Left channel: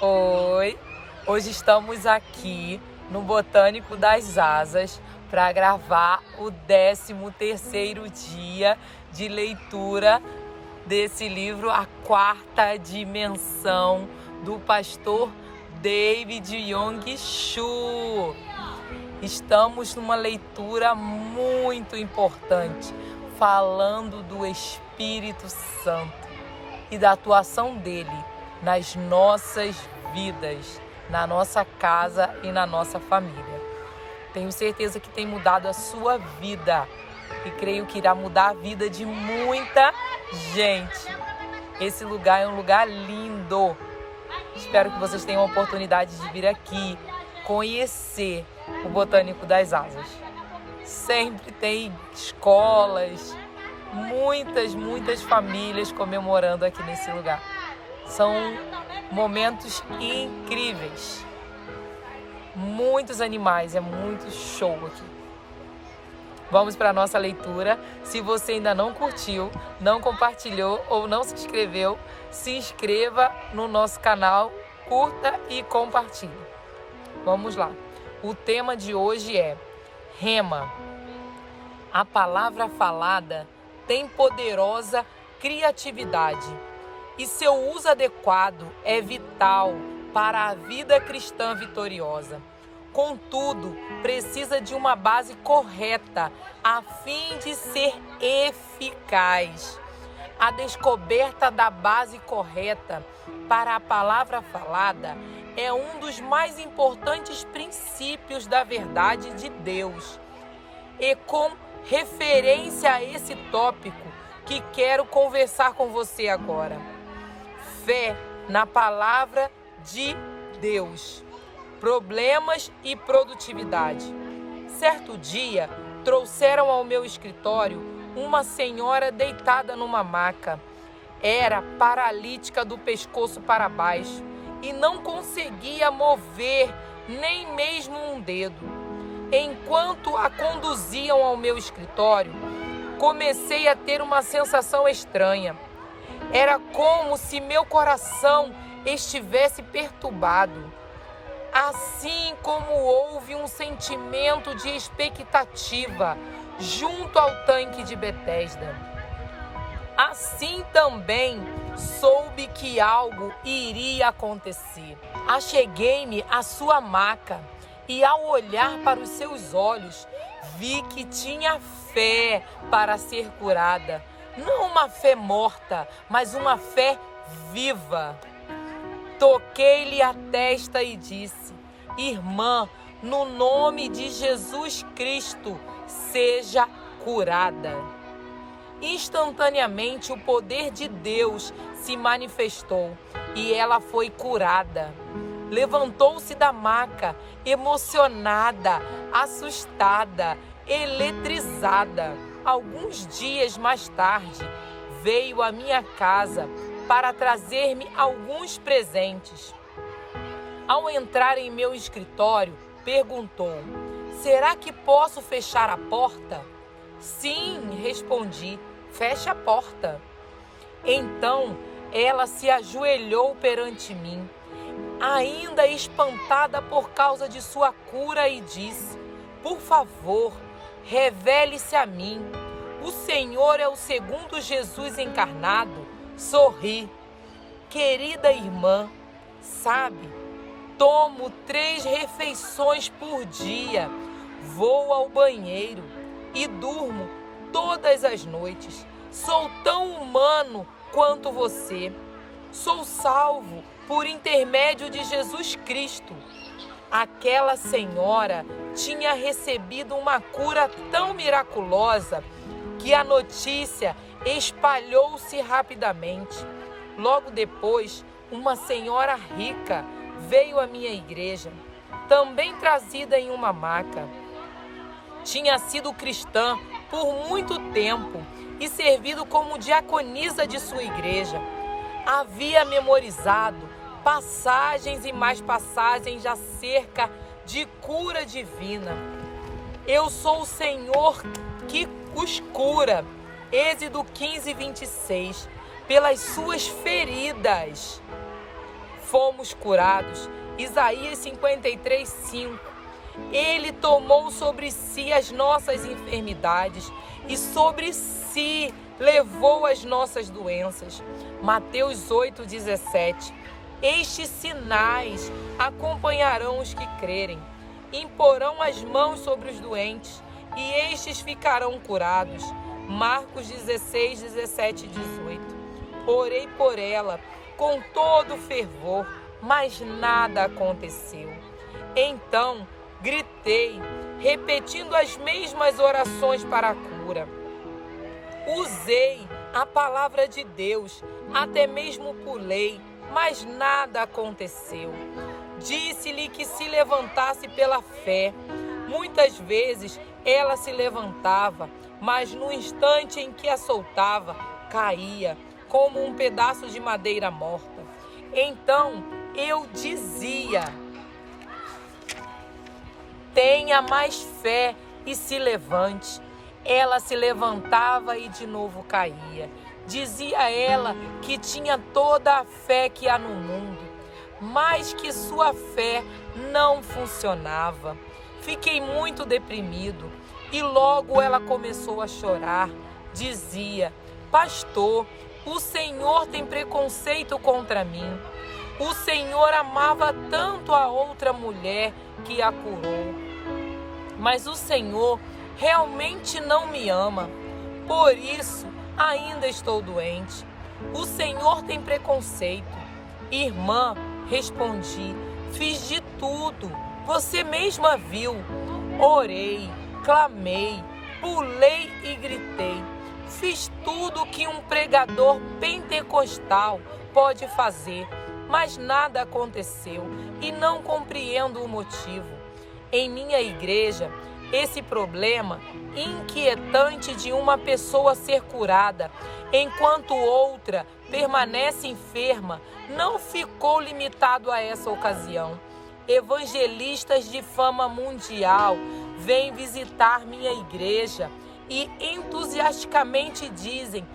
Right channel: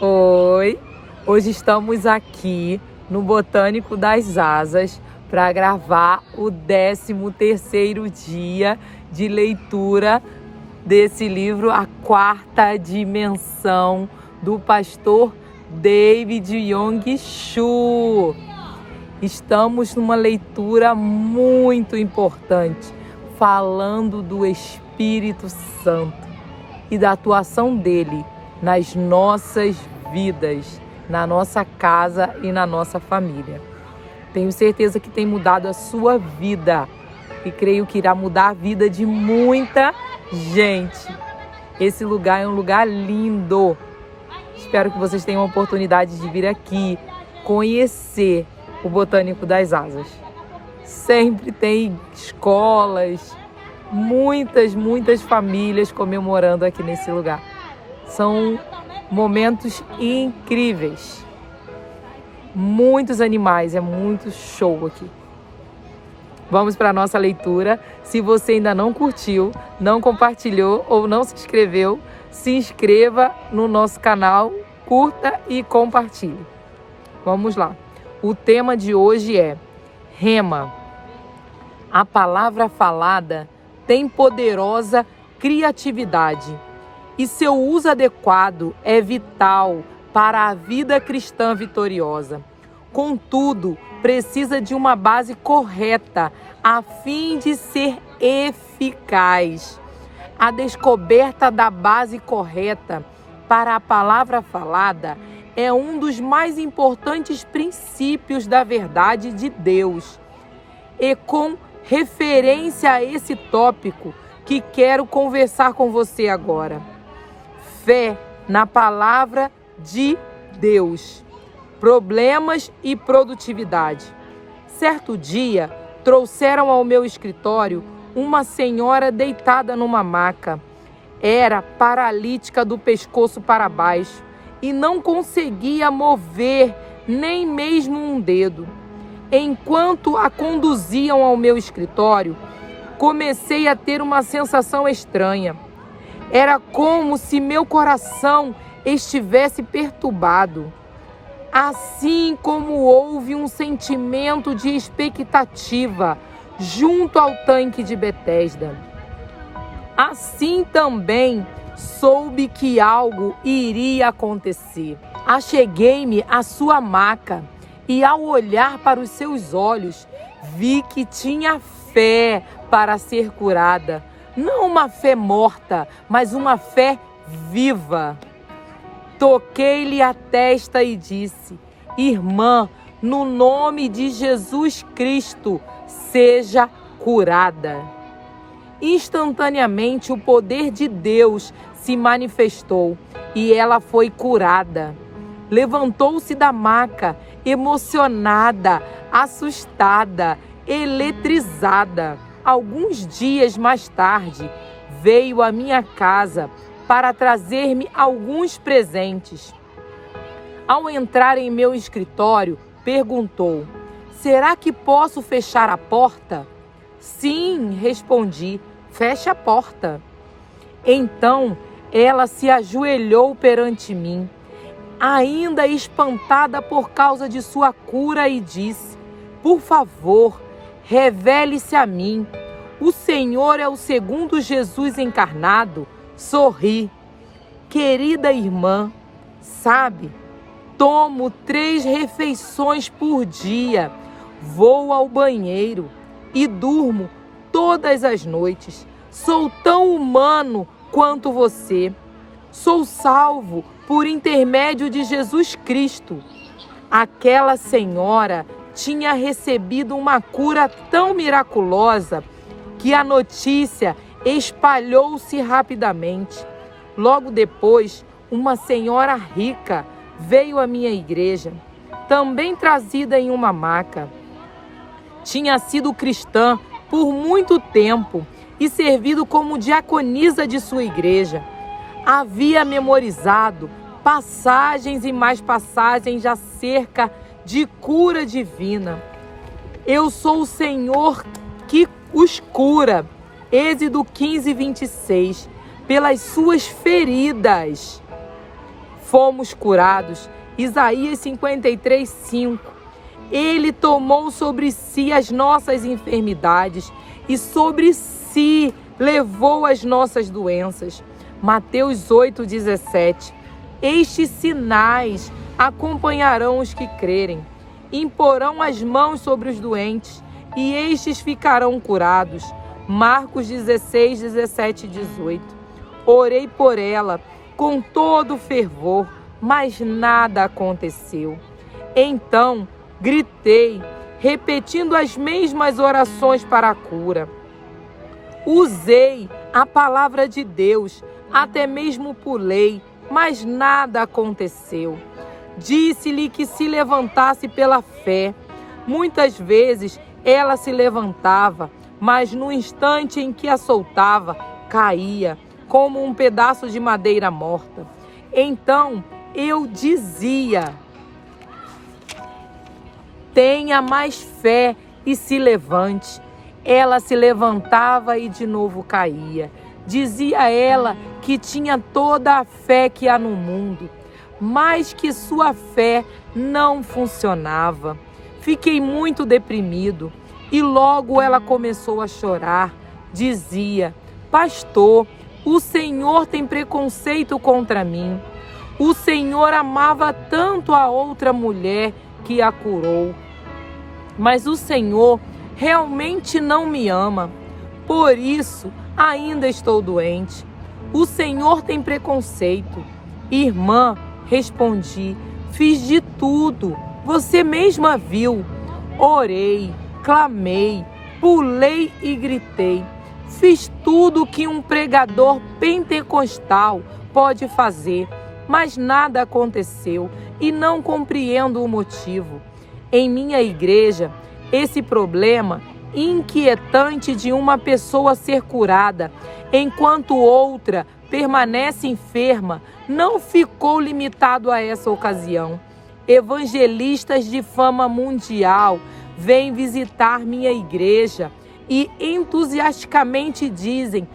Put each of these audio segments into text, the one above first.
Oi! Hoje estamos aqui no Botânico das Asas para gravar o 13º dia de leitura desse livro, A Quarta Dimensão, do pastor David Yong-Chul. Estamos numa leitura muito importante, falando do Espírito Santo e da atuação dele nas nossas vidas, na nossa casa e na nossa família. Tenho certeza que tem mudado a sua vida e creio que irá mudar a vida de muita gente. Esse lugar é um lugar lindo. Espero que vocês tenham a oportunidade de vir aqui conhecer o Botânico das Asas. Sempre tem escolas, muitas famílias comemorando aqui nesse lugar. São momentos incríveis. Muitos animais, é muito show aqui. Vamos para a nossa leitura. Se você ainda não curtiu, não compartilhou ou não se inscreveu, se inscreva no nosso canal, curta e compartilhe. Vamos lá. O tema de hoje é Rema. A palavra falada tem poderosa criatividade e seu uso adequado é vital para a vida cristã vitoriosa. Contudo, precisa de uma base correta a fim de ser eficaz. A descoberta da base correta para a palavra falada é um dos mais importantes princípios da verdade de Deus. E com referência a esse tópico que quero conversar com você agora. Fé na palavra de Deus. Problemas e produtividade. Certo dia, trouxeram ao meu escritório uma senhora deitada numa maca. Era paralítica do pescoço para baixo e não conseguia mover nem mesmo um dedo. Enquanto a conduziam ao meu escritório, comecei a ter uma sensação estranha. Era como se meu coração estivesse perturbado, assim como houve um sentimento de expectativa junto ao tanque de Betesda. Assim também soube que algo iria acontecer. Acheguei-me à sua maca e, ao olhar para os seus olhos, vi que tinha fé para ser curada. Não uma fé morta, mas uma fé viva. Toquei-lhe a testa e disse: Irmã, no nome de Jesus Cristo, seja curada. Instantaneamente o poder de Deus se manifestou e ela foi curada. Levantou-se da maca, emocionada, assustada, eletrizada. Alguns dias mais tarde, veio à minha casa para trazer-me alguns presentes. Ao entrar em meu escritório, perguntou: será que posso fechar a porta? Sim, respondi, feche a porta. Então, ela se ajoelhou perante mim, ainda espantada por causa de sua cura, e disse: por favor, revele-se a mim. O Senhor é o segundo Jesus encarnado. Sorri. Querida irmã, sabe, tomo 3 refeições por dia, vou ao banheiro e durmo todas as noites. Sou tão humano quanto você. Sou salvo por intermédio de Jesus Cristo. Aquela senhora tinha recebido uma cura tão miraculosa que a notícia espalhou-se rapidamente. Logo depois, uma senhora rica veio à minha igreja, também trazida em uma maca. Tinha sido cristã por muito tempo e servido como diaconisa de sua igreja. Havia memorizado passagens e mais passagens acerca de cura divina. Eu sou o Senhor que os cura. Êxodo 15:26. Pelas suas feridas fomos curados. Isaías 53:5. Ele tomou sobre si as nossas enfermidades e sobre si levou as nossas doenças. Mateus 8:17. Estes sinais acompanharão os que crerem. Imporão as mãos sobre os doentes e estes ficarão curados. Marcos 16:17 e 18. Orei por ela com todo fervor, mas nada aconteceu. Então gritei, repetindo as mesmas orações para a cura. Usei a palavra de Deus, até mesmo pulei, mas nada aconteceu. Disse-lhe que se levantasse pela fé. Muitas vezes ela se levantava, mas no instante em que a soltava, caía, como um pedaço de madeira morta. Então eu dizia: tenha mais fé e se levante. Ela se levantava e de novo caía. Dizia ela que tinha toda a fé que há no mundo, mas que sua fé não funcionava. Fiquei muito deprimido e logo ela começou a chorar. Dizia: pastor, o Senhor tem preconceito contra mim. O Senhor amava tanto a outra mulher que a curou, mas o Senhor realmente não me ama. Por isso ainda estou doente. O Senhor tem preconceito. Irmã, respondi, fiz de tudo. Você mesma viu. Orei, clamei, pulei e gritei. Fiz tudo que um pregador pentecostal pode fazer, mas nada aconteceu e não compreendo o motivo. Em minha igreja, esse problema inquietante de uma pessoa ser curada, enquanto outra permanece enferma, não ficou limitado a essa ocasião. Evangelistas de fama mundial vêm visitar minha igreja e entusiasticamente dizem:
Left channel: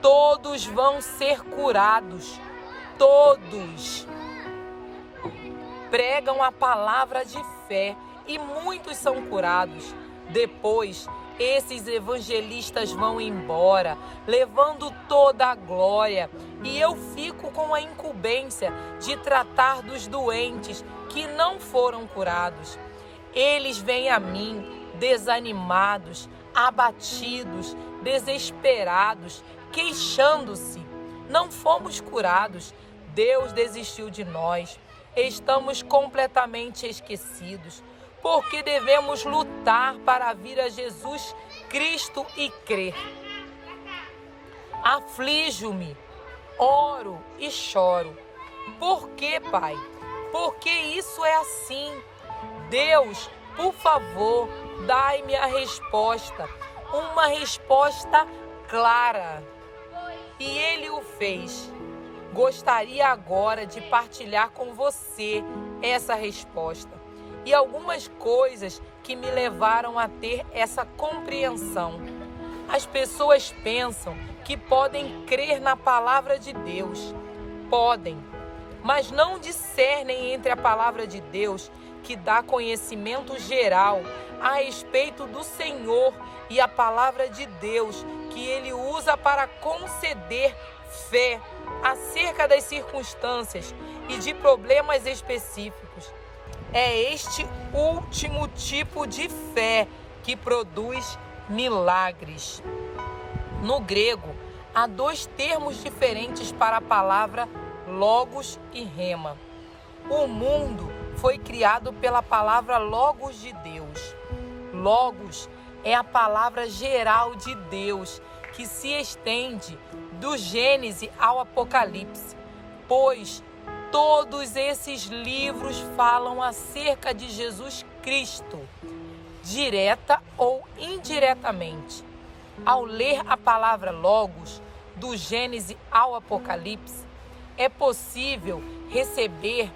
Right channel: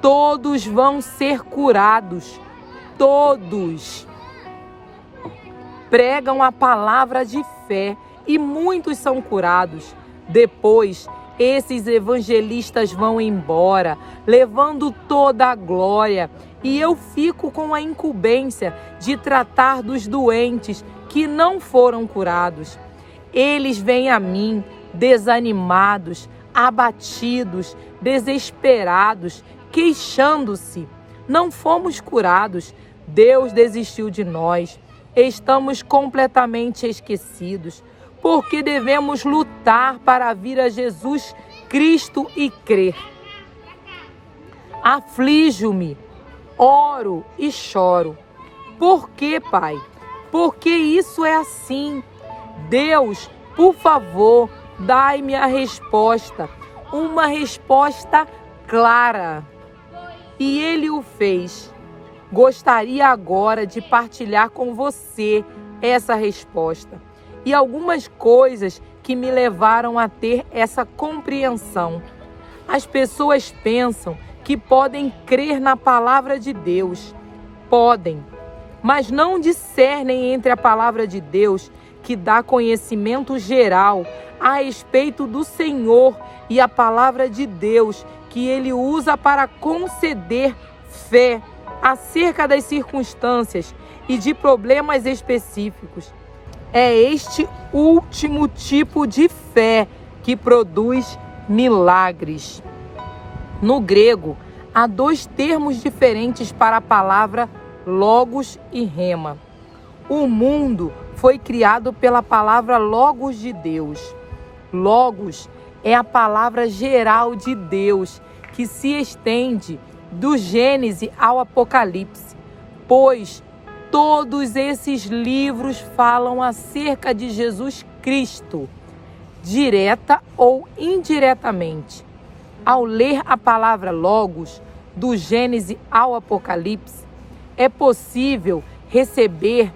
todos vão ser curados. Todos pregam a palavra de fé e muitos são curados. Depois, esses evangelistas vão embora, levando toda a glória, e eu fico com a incumbência de tratar dos doentes que não foram curados. Eles vêm a mim desanimados, abatidos, desesperados, queixando-se. Não fomos curados, Deus desistiu de nós, estamos completamente esquecidos. Porque devemos lutar para vir a Jesus Cristo e crer. Aflijo-me, oro e choro. Por quê, Pai? Porque isso é assim. Deus, por favor, dai-me a resposta. Uma resposta clara. E Ele o fez. Gostaria agora de partilhar com você essa resposta e algumas coisas que me levaram a ter essa compreensão. As pessoas pensam que podem crer na palavra de Deus. Podem, mas não discernem entre a palavra de Deus, que dá conhecimento geral a respeito do Senhor, e a palavra de Deus, que Ele usa para conceder fé acerca das circunstâncias e de problemas específicos. É este último tipo de fé que produz milagres. No grego, há dois termos diferentes para a palavra logos e rema. O mundo foi criado pela palavra logos de Deus. Logos é a palavra geral de Deus, que se estende do Gênesis ao Apocalipse, pois todos esses livros falam acerca de Jesus Cristo, direta ou indiretamente. Ao ler a palavra logos, do Gênesis ao Apocalipse, é possível receber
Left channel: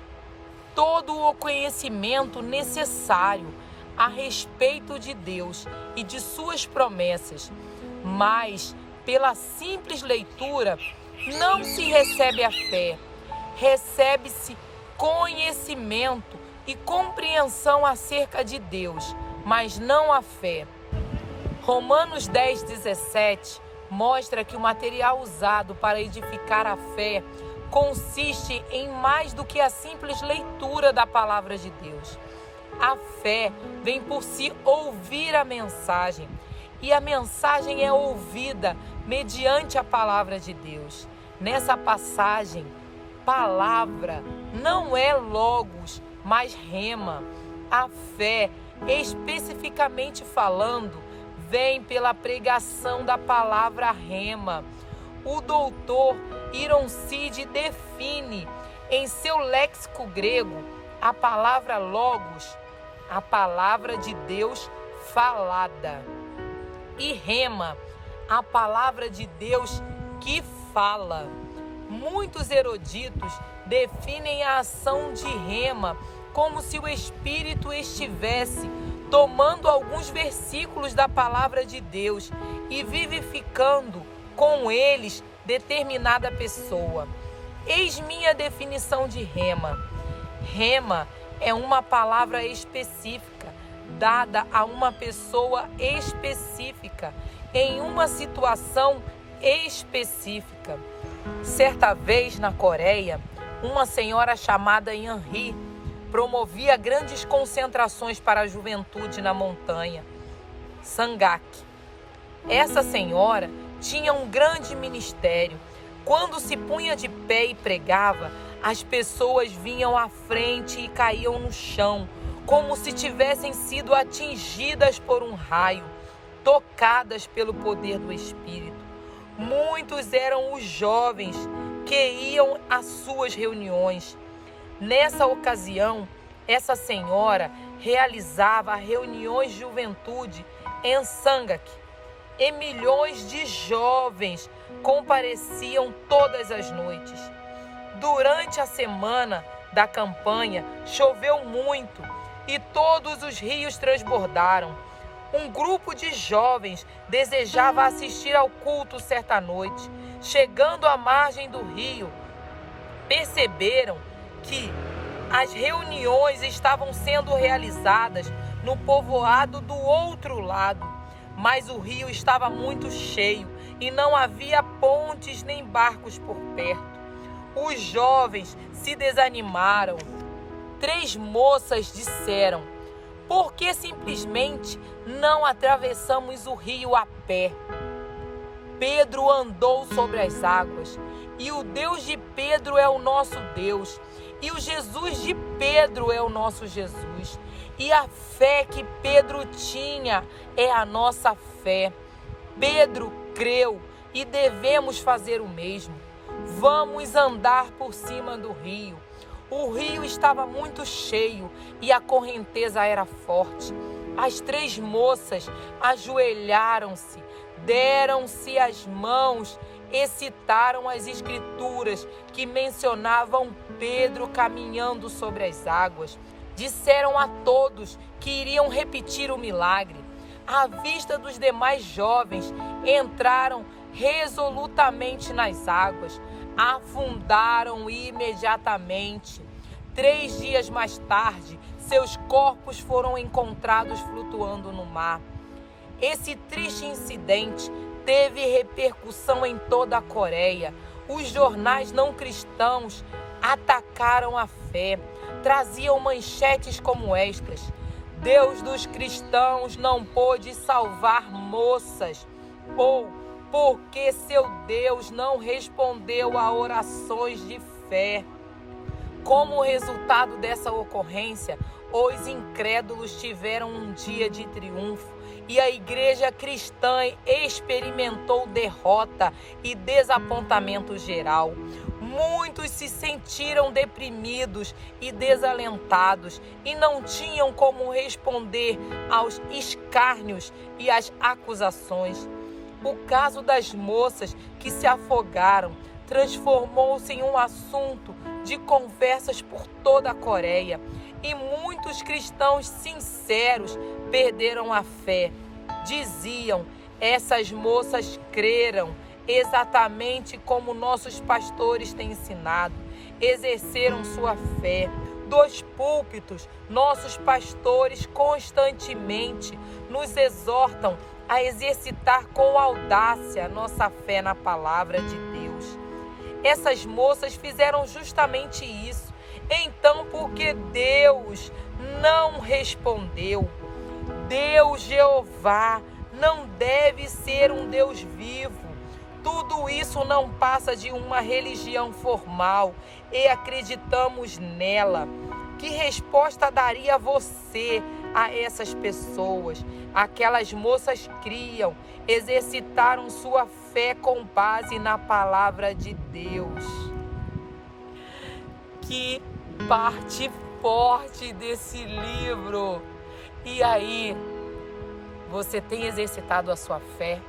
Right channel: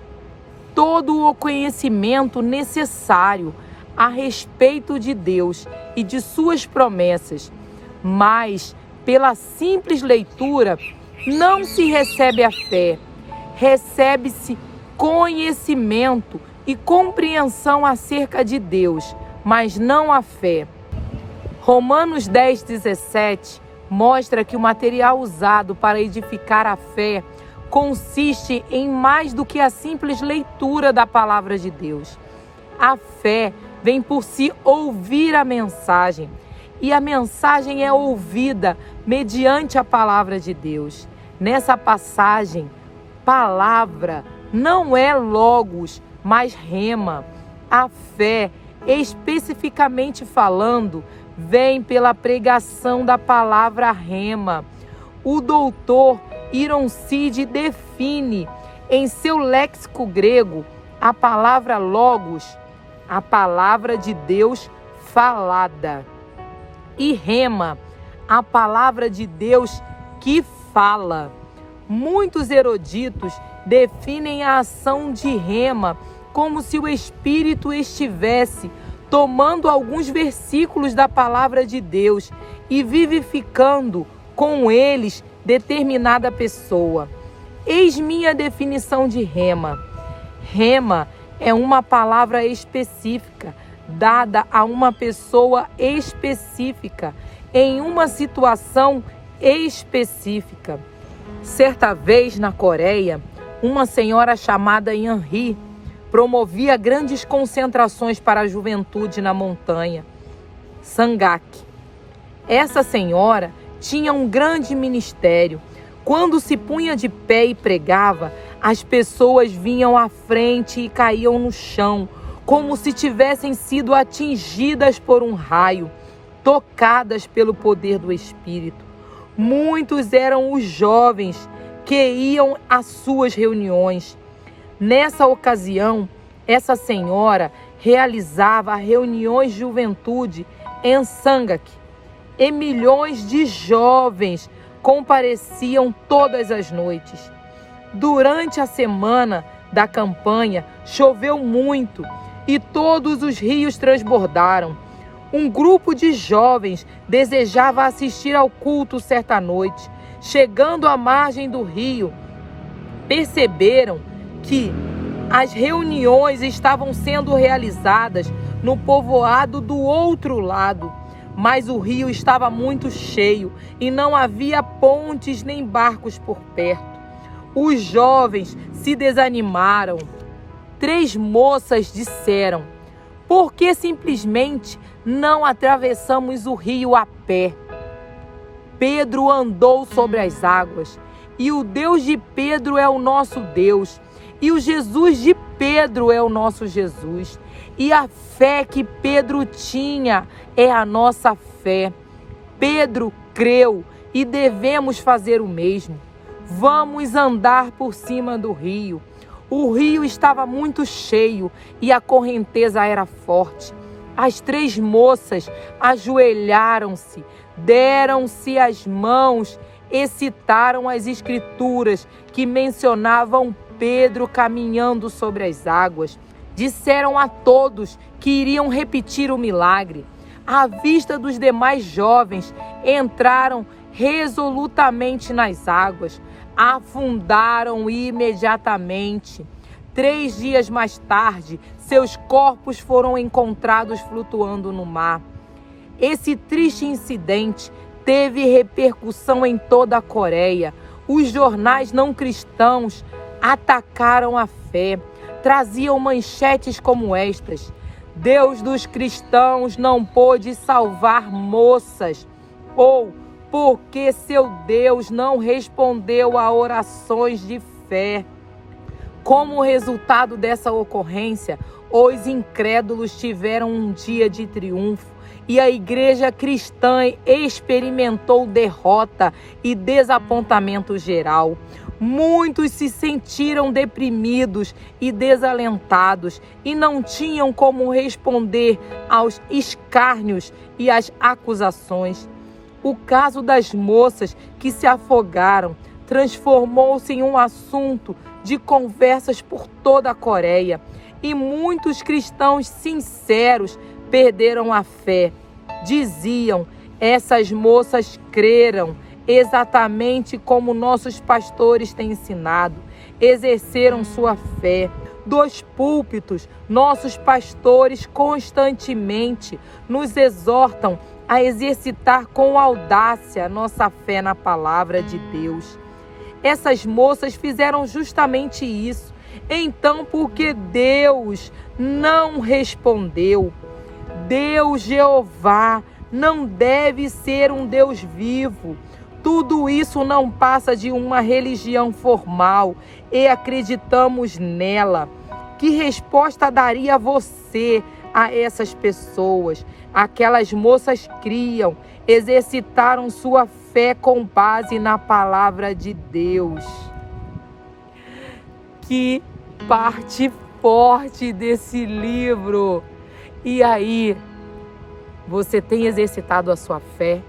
todo o conhecimento necessário a respeito de Deus e de suas promessas, mas pela simples leitura não se recebe a fé. recebe-se conhecimento e compreensão acerca de Deus, mas não a fé. Romanos 10:17 mostra que o material usado para edificar a fé consiste em mais do que a simples leitura da palavra de Deus. A fé vem por se ouvir a mensagem, e a mensagem é ouvida mediante a palavra de Deus. Nessa passagem, palavra não é logos, mas rema. A fé, especificamente falando, vem pela pregação da palavra rema. O doutor Ironside define em seu léxico grego a palavra logos, a palavra de Deus falada, e rema, a palavra de Deus que fala. Muitos eruditos definem a ação de rema como se o Espírito estivesse tomando alguns versículos da palavra de Deus e vivificando com eles determinada pessoa. Eis minha definição de rema. Rema é uma palavra específica, dada a uma pessoa específica, em uma situação específica. Certa vez, na Coreia, uma senhora chamada Yanri promovia grandes concentrações para a juventude na montanha Sangak. Essa senhora tinha um grande ministério. Quando se punha de pé e pregava, as pessoas vinham à frente e caíam no chão, como se tivessem sido atingidas por um raio, tocadas pelo poder do Espírito. Muitos eram os jovens que iam às suas reuniões. Nessa ocasião, essa senhora realizava reuniões de juventude em Sangak, e milhões de jovens compareciam todas as noites. Durante a semana da campanha, choveu muito e todos os rios transbordaram. Um grupo de jovens desejava assistir ao culto certa noite. Chegando à margem do rio, perceberam que as reuniões estavam sendo realizadas no povoado do outro lado, mas o rio estava muito cheio e não havia pontes nem barcos por perto. Os jovens se desanimaram. 3 moças disseram: por que simplesmente não atravessamos o rio a pé? Pedro andou sobre as águas, e o Deus de Pedro é o nosso Deus, e o Jesus de Pedro é o nosso Jesus. E a fé que Pedro tinha é a nossa fé. Pedro creu e devemos fazer o mesmo. Vamos andar por cima do rio. O rio estava muito cheio e a correnteza era forte. As 3 moças ajoelharam-se, deram-se as mãos e citaram as escrituras que mencionavam Pedro caminhando sobre as águas. Disseram a todos que iriam repetir o milagre. À vista dos demais jovens, entraram resolutamente nas águas, afundaram imediatamente. 3 dias mais tarde, seus corpos foram encontrados flutuando no mar. Esse triste incidente teve repercussão em toda a Coreia. Os jornais não cristãos atacaram a fé. Traziam manchetes como estas: Deus dos cristãos não pôde salvar moças, ou porque seu Deus não respondeu a orações de fé. Como resultado dessa ocorrência, os incrédulos tiveram um dia de triunfo e a igreja cristã experimentou derrota e desapontamento geral. Muitos se sentiram deprimidos e desalentados e não tinham como responder aos escárnios e às acusações. O caso das moças que se afogaram transformou-se em um assunto de conversas por toda a Coreia, e muitos cristãos sinceros perderam a fé. Diziam: essas moças creram exatamente como nossos pastores têm ensinado. exerceram sua fé. Dos púlpitos, nossos pastores constantemente nos exortam a exercitar com audácia a nossa fé na palavra de Deus. Essas moças fizeram justamente isso. Então, porque Deus não respondeu, Deus Jeová não deve ser um Deus vivo. Tudo isso não passa de uma religião formal e acreditamos nela. Que resposta daria você a essas pessoas? Aquelas moças criam, exercitaram sua fé com base na palavra de Deus. Que parte forte desse livro! E aí, você tem exercitado a sua fé?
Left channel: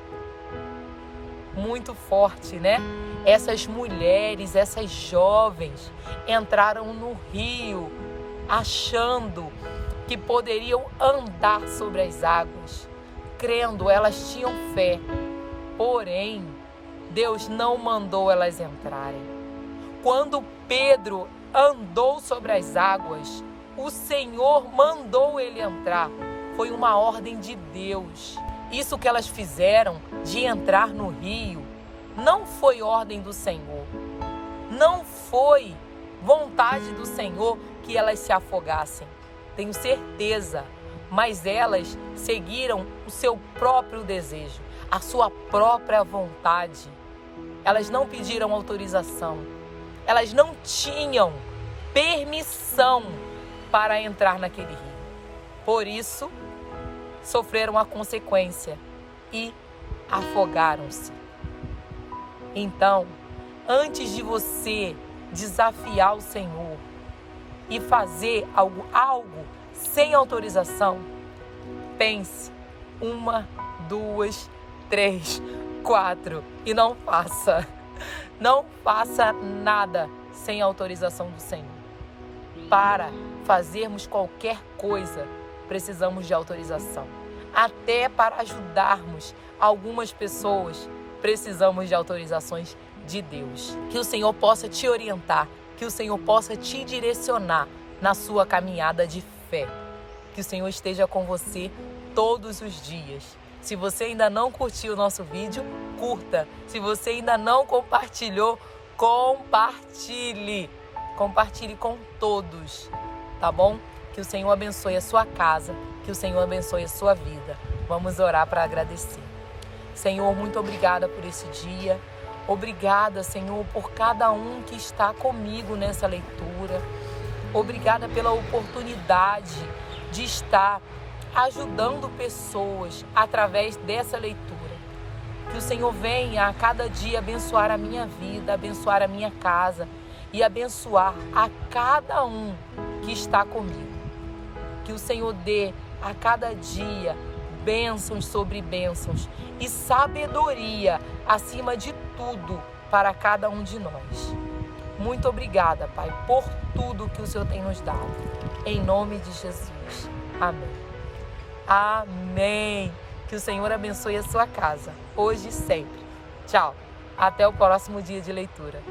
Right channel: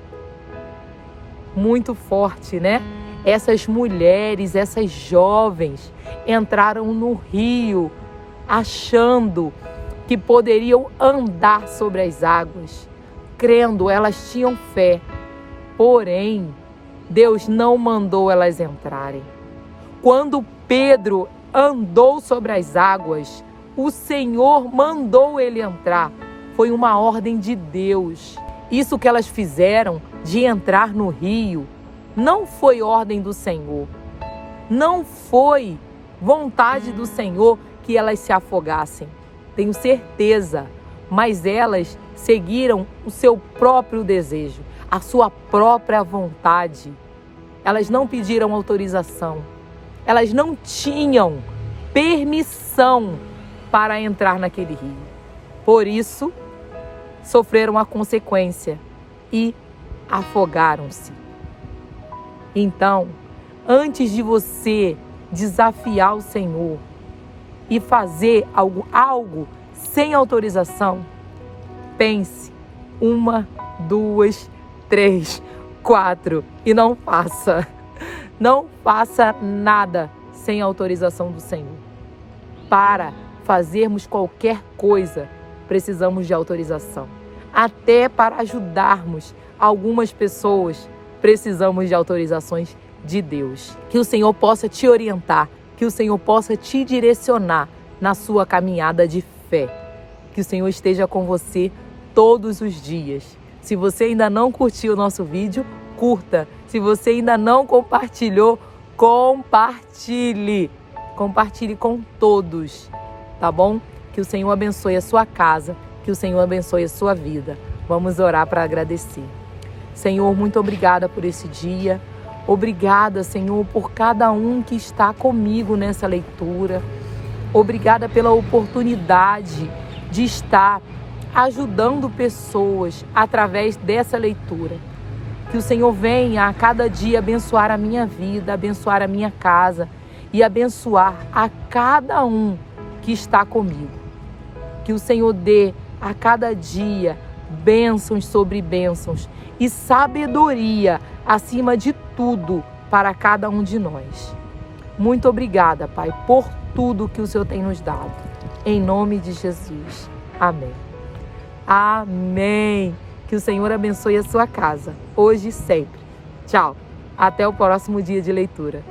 Muito forte, né? Essas mulheres, essas jovens entraram no rio achando que poderiam andar sobre as águas, crendo, elas tinham fé. Porém, Deus não mandou elas entrarem. Quando Pedro andou sobre as águas, o Senhor mandou ele entrar. Foi uma ordem de Deus. Isso que elas fizeram de entrar no rio não foi ordem do Senhor. Não foi vontade do Senhor que elas se afogassem. Tenho certeza. Mas elas seguiram o seu próprio desejo, a sua própria vontade. Elas não pediram autorização. Elas não tinham permissão para entrar naquele rio. Por isso, sofreram a consequência e afogaram-se. Então, antes de você desafiar o Senhor e fazer algo sem autorização, pense 1, 2, 3, 4 e não faça. Não faça nada sem autorização do Senhor. Para fazermos qualquer coisa, precisamos de autorização. Até para ajudarmos algumas pessoas, precisamos de autorizações de Deus. Que o Senhor possa te orientar, que o Senhor possa te direcionar na sua caminhada de fé. Que o Senhor esteja com você todos os dias. Se você ainda não curtiu o nosso vídeo, curta. Se você ainda não compartilhou, compartilhe. Compartilhe com todos, tá bom? Que o Senhor abençoe a sua casa, que o Senhor abençoe a sua vida. Vamos orar para agradecer. Senhor, muito obrigada por esse dia. Obrigada, Senhor, por cada um que está comigo nessa leitura. Obrigada pela oportunidade de estar ajudando pessoas através dessa leitura. Que o Senhor venha a cada dia abençoar a minha vida, abençoar a minha casa e abençoar a cada um que está comigo. Que o Senhor dê a cada dia bênçãos sobre bênçãos e sabedoria acima de tudo para cada um de nós. Muito obrigada, Pai, por tudo que o Senhor tem nos dado. Em nome de Jesus. Amém. Amém. Que o Senhor abençoe a sua casa, hoje e sempre. Tchau. Até o próximo dia de leitura.